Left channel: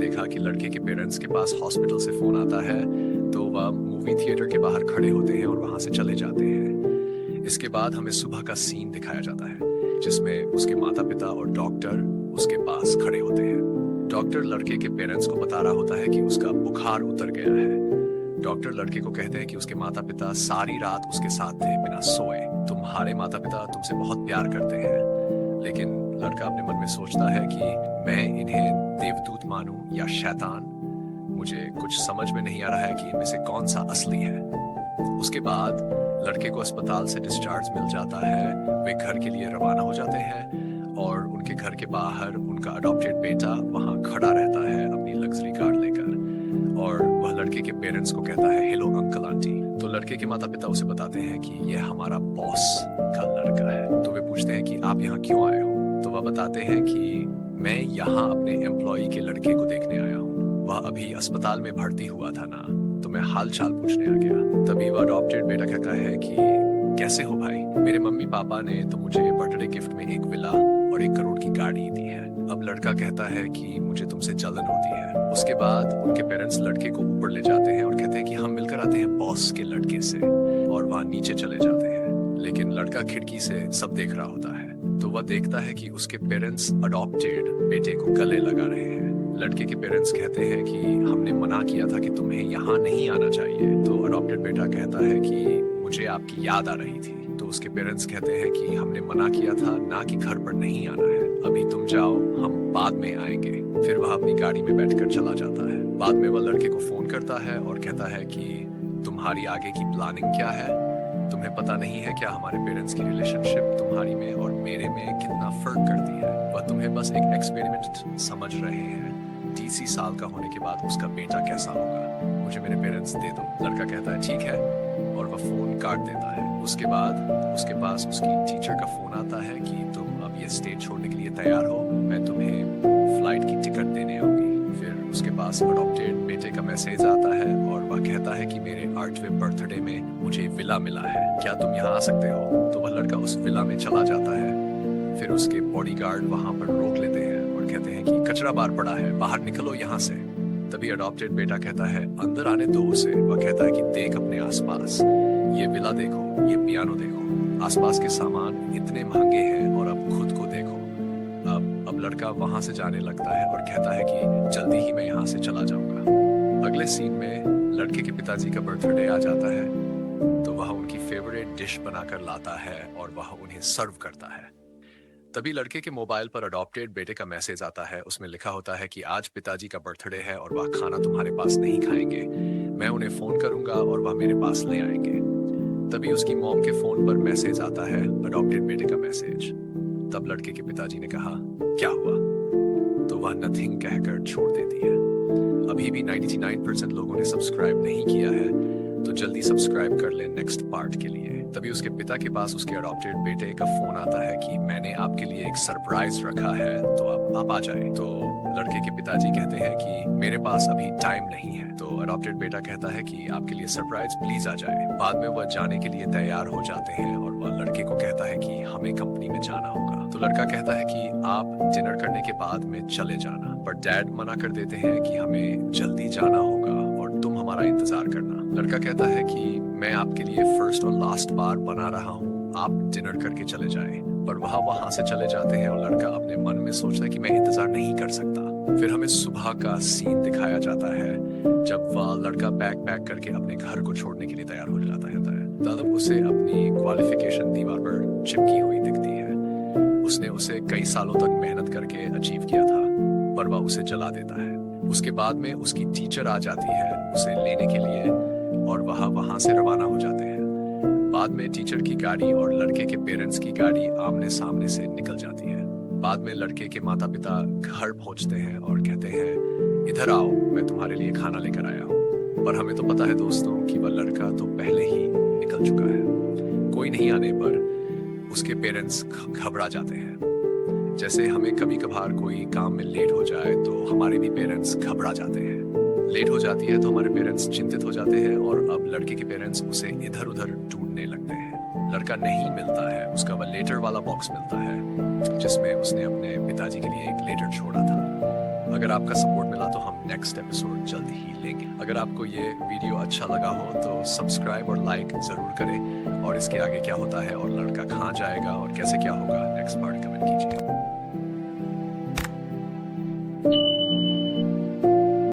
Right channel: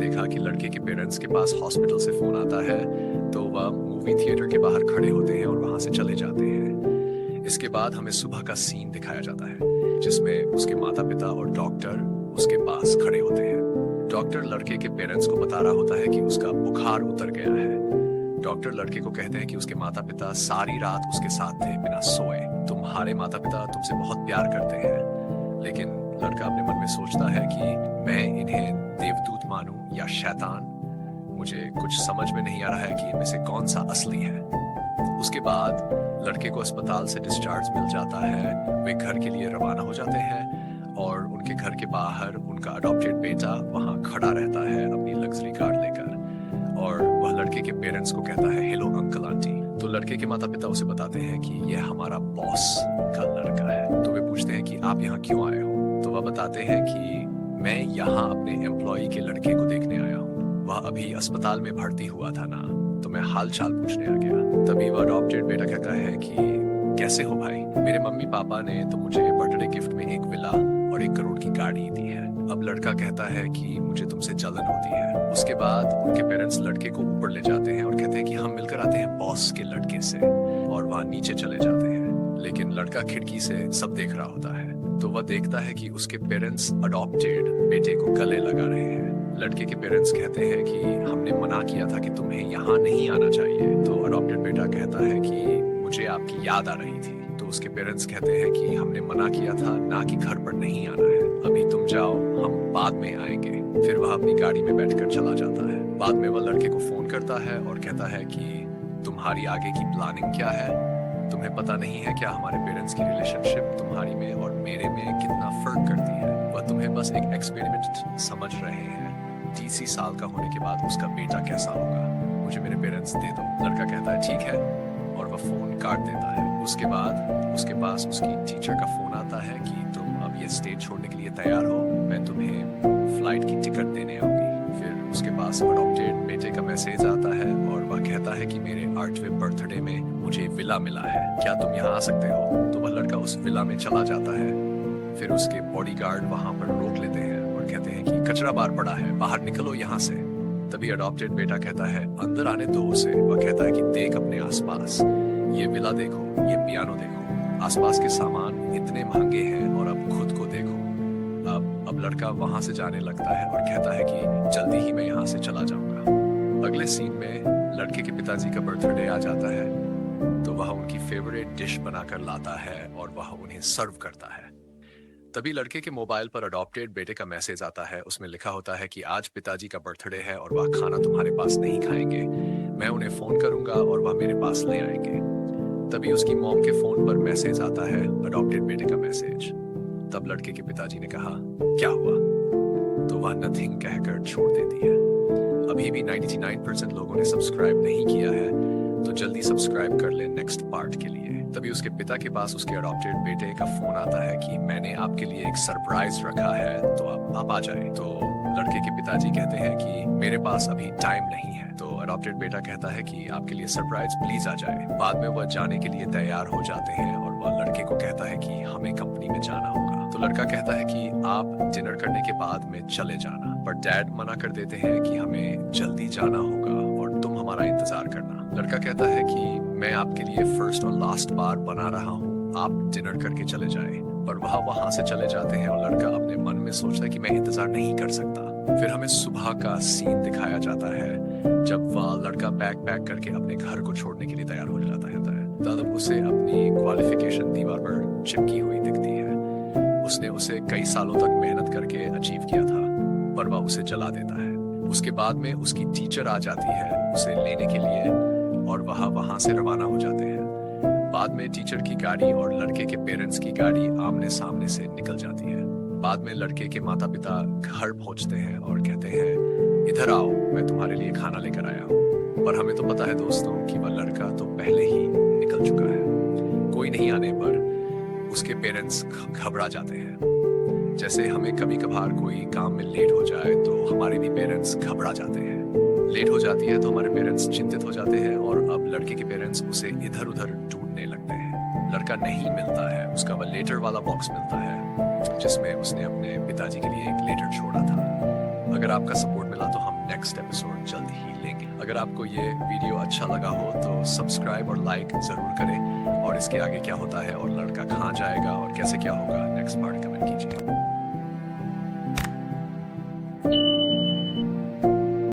देखा कि लड़के के पेरेंट्स के पास हॉस्पिटल से फोन आता है, तो वह मूवी थिएटर के बाहर खड़े होते हैं और वहां से चले जाते हैं। इसके बाद हमें सुबह का सीन दिखाया जाता है, जिसमें उसके माता पिता और डॉक्टर उसके पास खड़े होते हैं। डॉक्टर लड़के के पेरेंट्स को बता रहा होता है कि उसका बुखार उतर गया है। डॉक्टर लड़के को कहते हैं कि उसके माता पिता सारी रात उसके साथ थे बिना सोए। तुम्हारे माता पिता तुमसे बहुत प्यार करते हैं। लेकिन लड़का अपने मन में सोचता है कि मैं इन्हें देवदूत मानूं या शैतान। मुझे कुछ समझ में नहीं आ रहा है कि इनमें से कौन सा असली है। उसके बाद लड़के को अस्पताल से डिस्चार्ज मिल जाता है। वे घर के लिए रवाना हो जाते हैं और उनके घर के बाहर उनका अडॉप्टेड बेटा वहां खड़ा रहता है अपनी लग्जरी कार लेकर, और वह लड़के के पेरेंट्स को कहता है, हेलो अंकल आंटी। तो लड़के के माता पिता उसे बताते हैं कि यह हमारा बॉस का लड़का है। तो वे पूछते हैं कि आप यहाँ क्यों आए हो। तो वह बताते हैं कि मैं यहाँ अपने एम्प्लॉय के लड़के को देखने आया हूँ। वह अभी अस्पताल में भर्ती हुआ था ना, तो मैं हाल चाल पूछने आ गया। तभी वह अडॉप्टेड बेटा कहता है कि कैसे हो भाई, मेरे मम्मी पापा ने तो मुझे बर्थडे गिफ्ट में एक विला और 1 करोड़ की गाड़ी दी है। अब लड़का कहता है कि मुझे तुमसे जलन होती है। उसके बाद उनके पेरेंट्स लड़के को ऊपर ले जाते हैं और कहते हैं कि हम मिलकर आते हैं बॉस के लड़के से, और वहां नीचे चले जाते हैं। लेकिन लड़का खिड़की से सब देख रहा होता है, तो वह देखता है कि उसके पेरेंट्स अडॉप्टेड बेटे को गले लगा रहे हैं। लड़के के पेरेंट्स कहते हैं कि हमने मना किया था कि तुम्हें यहाँ नहीं आना चाहिए। तो अडॉप्टेड बेटा कहता है कि मुझे आपकी याद आ रही थी। तो उसके पेरेंट्स कहते हैं कि हमने मना किया था ना कि घर पर नहीं आना है, अभी तुम जाओ, हम बाद में आएंगे। फिर वह अपनी गाड़ी में बैठकर चला जाता है। बाद में वह लड़के को फोन करता है और कहता है कि तुम्हारी आगे की प्लानिंग क्या है। तुम्हें पता नहीं है क्या हमारे पेरेंट्स की रिलेशनशिप तुम्हारी में और मेरे में कितना फर्क करती है। वह तुम्हें बस एक एक्सपेरिमेंट समझ रहे हैं। DC साल का होने के बाद उसका बेटा कैसा होगा, मुझे मेरे पेरेंट्स दे दो। लड़का कहता है ठीक है, और वह फोन काट देता है। उसके बाद उसके पास उसकी टीचर का फोन आता है कि तुम अब ये स्टेट छोड़ने के लिए तैयार हो, मैं तुम्हें फ्लाइट की टिकट देने आऊंगी। फिर उसके पास अडॉप्टेड बेटे का मैसेज आता है और वह कहता है कि मेरे 8वें बर्थडे में मुझे विला मिला है, क्या तुम यहाँ आ सकते हो। तो वह लड़का उस विला में चला जाता है। फिर उसके बॉडीगार्ड वहां पर रोक लेते हैं और कहते हैं कि कचरा बार पड़ा है, बाहर निकलो यहाँ से। तभी अडॉप्टेड बेटा कहता है अंदर आने दो उसे। वह कहता है कि देख अपने आसपास, ये विला देखो, ये पियानो देखो, आसपास के सामान इतने महंगे हैं, और अब खुद को देखो। अब लड़का वहां से जाने लगता है और कहता है कि जल्दी ही मैं यहाँ से चला जाऊंगा। अगले सीन में लड़के के पिताजी का बर्थडे आ जाता है, तो वह उनकी फेवरेट डिश बनाकर लाता है और वह उन्हें सर्व करता है। तभी लड़के के मोबाइल पर अडॉप्टेड बेटे का मैसेज आता है। उसमें लिखा होता है कि आज पिताजी का बर्थडे है और वह खाना तुम्हारे पास नहीं खाएंगे, मैं उन्हें फोन करूंगा और वह मेरे पास ले आएंगे। तभी उसकी मॉम के फोन पर मैसेज आता है, अडॉप्टेड बेटे का मैसेज। तब लड़के के पिताजी ने कहा क्या हुआ, तो वह नथिंग कहकर छोड़ देती है। अभी भी 99% लोगों ने सब्सक्राइब नहीं किया है, तो जल्दी सब्सक्राइब कर ले नेक्स्ट पार्ट के लिए। तभी उसके पिता के पास उसके अडॉप्टेड बेटे का फोन आता है कि मैंने आपके लिए एक सरप्राइज रखा है, तो आप आ जाए। तो लड़के के पिताजी कहते हैं कि मेरे पास अभी टाइम नहीं है। तो अडॉप्टेड बेटा कहता है कि आपके लिए सरप्राइज प्लीज आ जाए। बाद में वह जाने के लिए तैयार हो जाते हैं और वह लड़के को कहता है कि हमें कंपनी में जाना होगा। तो लड़का कहता है कि आप डिनर करने के बाद में चले जाना, पर डैड मना कर देते हैं कि हमें जल्दी जाना होगा और तुम हमारा इंतजार करना। लड़का कहता है कि मैं आपके लिए फर्स्ट और लास्ट बार बना रहा हूँ, आप डिनर करके चले जाएं। पर वह वहां से चले जाते हैं और लड़का अपने मन में सोचता है कि मैं इंतजार नहीं कर सकता। फिर हमें सुबह का सीन दिखाया जाता है, जब वह लड़का बैग पैक करके अपने घर को छोड़ने के लिए तैयार हो जाता है। तब उसे अपनी क्वालिफिकेशन दीवार पर चिपकी हुई दिखती है। उसने उसे कई सालों तक मेहनत करके अचीव किया था, पर वह उसे जला देता है। उसके बाद में उसकी टीचर आ जाती है उसे लेने के लिए, और वह वहां से रवाना हो जाते हैं। बाद में टीचर की गाड़ी और लड़के के पेरेंट्स की गाड़ी आमने सामने से निकल जाती है। बाद में लड़के के माता पिता घर पहुंचते हैं और कहते हैं इधर आओ, मैं तुम्हारे लिए खाना लेकर आया हूँ। पर हमें तो पता है दोस्तों कि वह लड़का तो पहले ही निकल चुका है। कोई नहीं आने पर उसके पेरेंट्स घबरा जाते हैं। जैसे हमें कभी कभार कोई काम में लेट हो जाए तो हमारे भी पेरेंट्स घबरा जाते हैं। लेट हो जाती है तो हमारे पेरेंट्स चिंतित हो जाते हैं, और अब लड़के के पेरेंट्स उसे इधर उधर ढूंढने लगते हैं। लड़का नहीं मिलता है, उसका वह लेटर वाला बॉक्स मिलता है जिसमें उसने अपने पिताजी के लिए एक लेटर छोड़ा था। अगर आपका सपोर्ट मिला तो हम नेक्स्ट एपिसोड जल्द ही लेंगे। अगर आपको ये वीडियो अच्छा लगा हो तो सब्सक्राइब और लाइक जरूर करें, और इसके आगे क्या होता है और लड़का कहाँ जाएगा और कैसे क्या होगा नेक्स्ट पार्ट कमेंट कीजिए।